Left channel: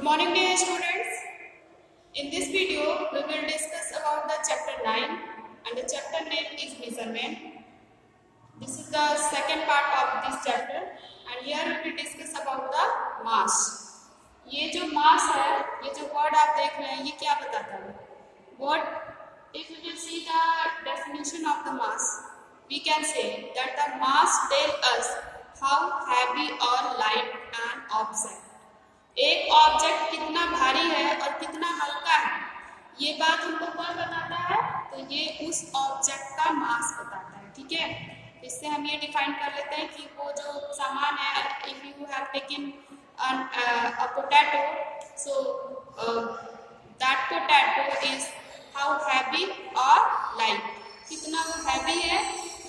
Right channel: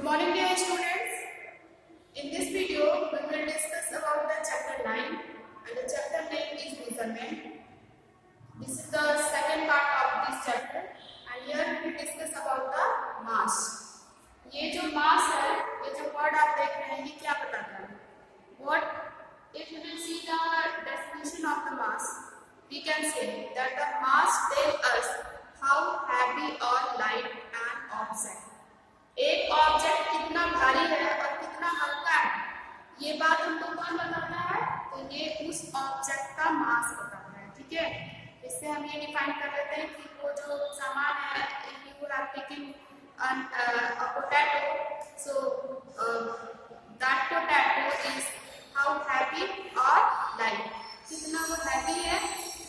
Good morning dear students. In this video we will discuss about the chapter 9 and the chapter name is measurement. This is the second part of this chapter and here we will discuss about the mass. ये जो mass है, ये जो word आप देख रहे हैं, ये क्या बताता है? What if we will see the definition of the mass? We can say that the mass tells us how heavy or light an object. एक ऑब्जेक्ट कितना भारी है और कितना हल्का है, ये बात हमको कौन बताता है? तो ये उस ऑब्जेक्ट का मास बताता है। ठीक है, इससे हम ये डिफाइन कर लेते हैं कि वो जो सामान है, if you have taken a potato, so that potato is how heavy or light, कितना वो हैवी है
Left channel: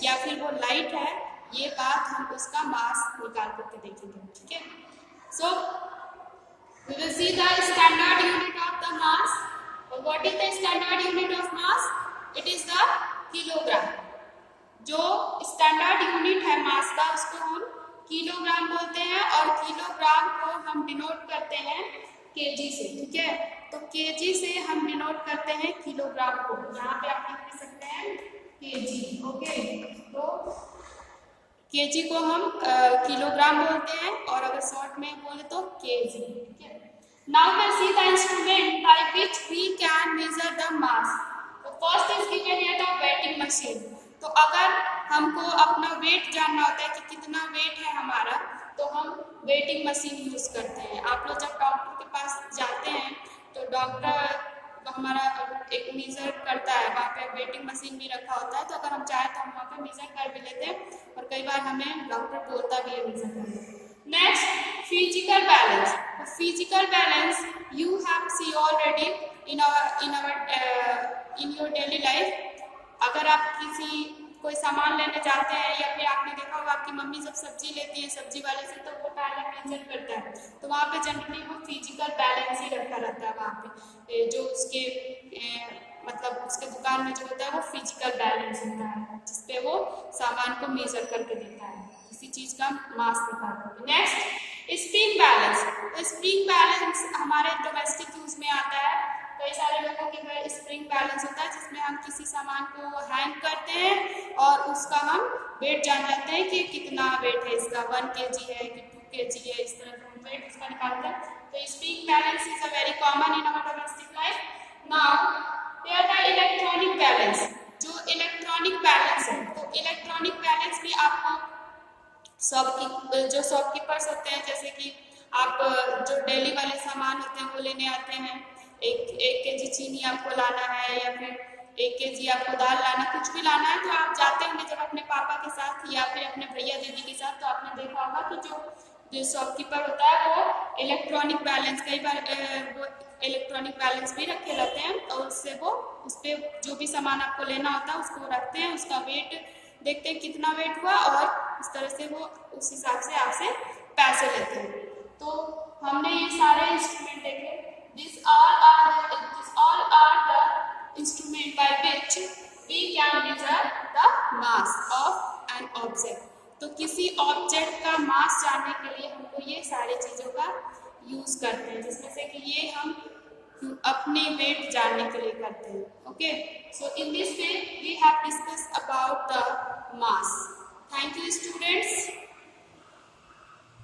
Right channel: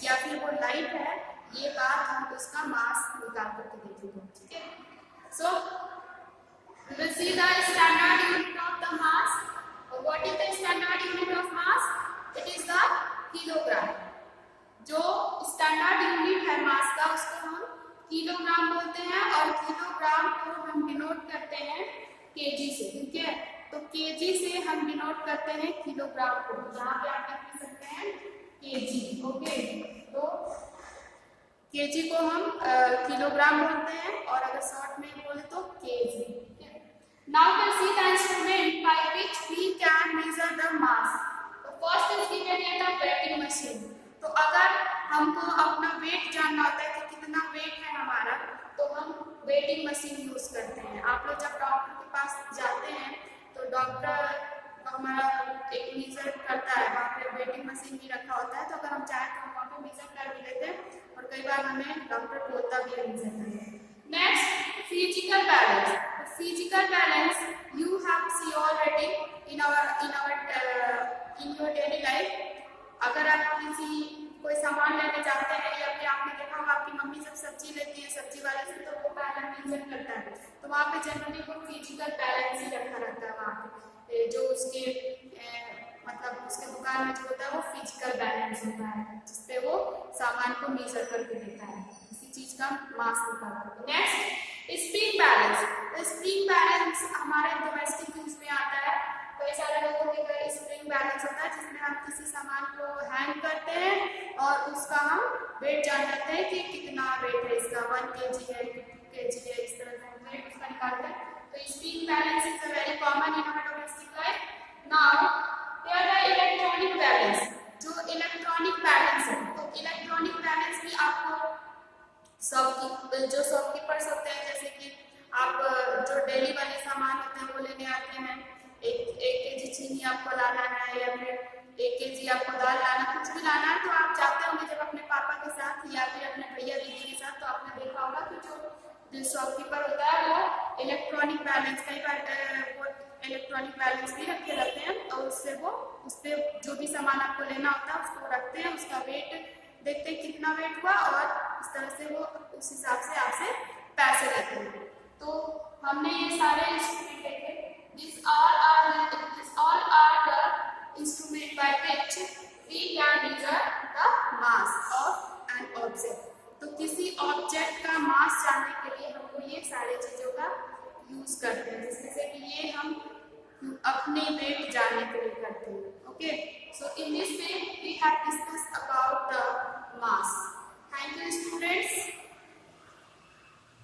या फिर वो लाइट है, ये बात हम उसका मास निकाल करके देखेंगे। ठीक है, सो we will see the standard unit of the mass. What is the standard unit of mass? It is the kilogram. जो स्टैंडर्ड यूनिट है मास का, उसको हम किलोग्राम बोलते हैं और किलोग्राम को हम डिनोट करते हैं केजी से। ठीक है, तो केजी से हम डिनोट करते हैं किलोग्राम को। यहाँ पे आप लिख सकते हैं केजी। ओके, तो केजी को हम किलोग्राम बोलते हैं और अगर शॉर्ट में बोले तो KG. Now we see the instrument by which we can measure the mass. तो first is given here the weighing machine. तो अगर हमको अपना वेट जानना होता है कि कितना वेट है हमारा, तो हम वेटिंग मशीन यूज करते हैं। आप लोग जब डॉक्टर के पास जाते हैं तो डॉक्टर हमारा एक मेजर करता है, वहाँ पे वेटिंग मशीन भी रखा होता है, तो अगर हम चाहें तो हम वहाँ पे मेजर कर भी लेते हैं और कई बार हमें डॉक्टर बोलता भी है मेजर करने। Next, physical balance. Physical balance you have see already in your daily life. अगर आप कोई सामान लेने जाते हैं या फिर आपने देखा होगा आपकी मम्मी जब सब्जी लेती है सब्जी वाले से, तो वो पहले मेजर करता है, तो वहाँ पे जनरली वो फिजिकल बैलेंस ही रखा रहता है। वहाँ पे जो उसके मतलब उसके दुकान में जो होता है वो फिजिकल बैलेंस होता है, जिसपे वो सामान को मेजर करके देता है, किसी चीज का मास निकालता है। Next, spring balance. तो स्प्रिंग बैलेंस हमारे डोमेस्टिक यूज में आता है। कई सारे लोगों के घर स्प्रिंग बैलेंस होता है, जिसमें हम किसी सामान को हैंग करते हैं और उसका हम वेट जान लेते हैं कि कितना वेट है इसका, 1 kg है कि 2 kg है, इस तरह से हम वेट उसका निकालते हैं। तो spring balance is a very common in our domestic life. Now there the electronic balance. जो इलेक्ट्रॉनिक बैलेंस है, तो इलेक्ट्रॉनिक बैलेंस भी आपको जो शॉपकीपर्स होते हैं, जैसे कि आप जो डेली वाले सामान होते हैं वो लेने आते हैं, एक केजी चीनी आपको लाना है या फिर 1 kg आपको दाल लाना, कुछ भी लाना है, तो आप जाते होंगे जब अपने पापा के साथ या फिर अपने भैया दीदी के साथ, तो आपने देखा होगा कि जो शॉपकीपर होता है वो इलेक्ट्रॉनिक बैलेंस, कई बार वो इलेक्ट्रॉनिक बैलेंस भी रखे रहते हैं और उससे वो उस पर जो भी सामान आपको लेना होता है उसको रखते हैं, उसका वेट देखते हैं कितना वेट हुआ और इस तरह से वो उस हिसाब से आपसे पैसे लेते हैं। तो हमने ये सारे इंस्ट्रूमेंट देखे। These all are the instrument by which we can measure the mass of an object. तो किसी ऑब्जेक्ट का मास जानने के लिए हमको ये सारे चीजों का यूज करते हैं, जिसमें से कि ये हम अपने वेट जानने के लिए करते हैं। Okay, so in this way we have discuss about the mass. Thank you students.